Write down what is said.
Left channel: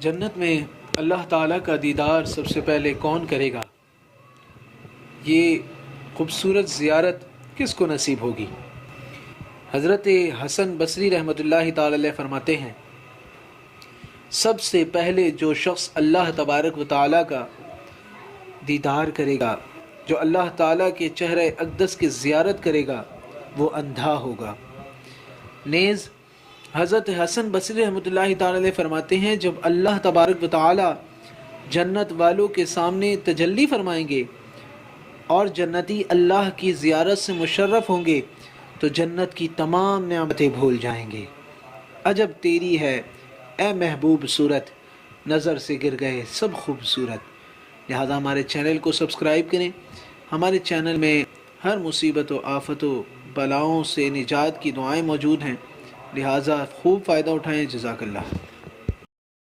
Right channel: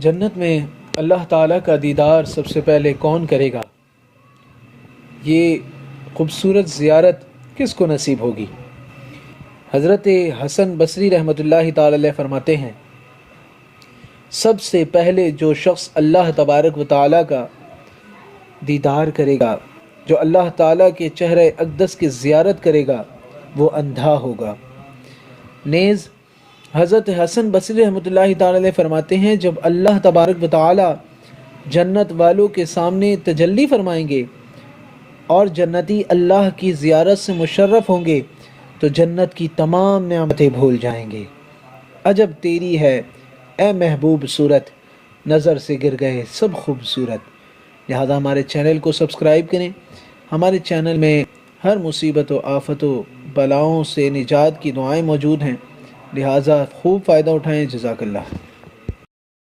جنت میں اللہ تعالیٰ کا دیدار سب سے پہلے کون کرے گا؟ یہ خوبصورت زیارت کس کو نصیب ہوگی؟ حضرت حسن بصری رحمۃ اللہ تعالی علیہ فرماتے ہیں، سب سے پہلے جو شخص اللہ تبارک و تعالیٰ کا دیدار کرے گا، جو اللہ تعالیٰ کے چہرہ اقدس کی زیارت کرے گا، وہ اندھا ہوگا۔ نیز حضرت حسن بصری رحمۃ اللہ تعالی علیہ فرماتے ہیں، جب اللہ تبارک و تعالیٰ جنت والوں کے سامنے تجلی فرمائیں گے اور جنتی اللہ کی زیارت سے مشرف ہوں گے تو جنت کی تمام نعمتیں بھول جائیں گے۔ عجب تیری ہے اے محبوب صورت، نظر سے گر گئے سب خوبصورت۔ لہذا ہمارے چینل کو سبسکرائب کریں۔ ہمارے چینل میں ہر مصیبت و آفت و بلاؤں سے نجات کی دعائیں موجود ہیں، لہذا خوب فائدہ اٹھائیں۔ جزاک اللہ۔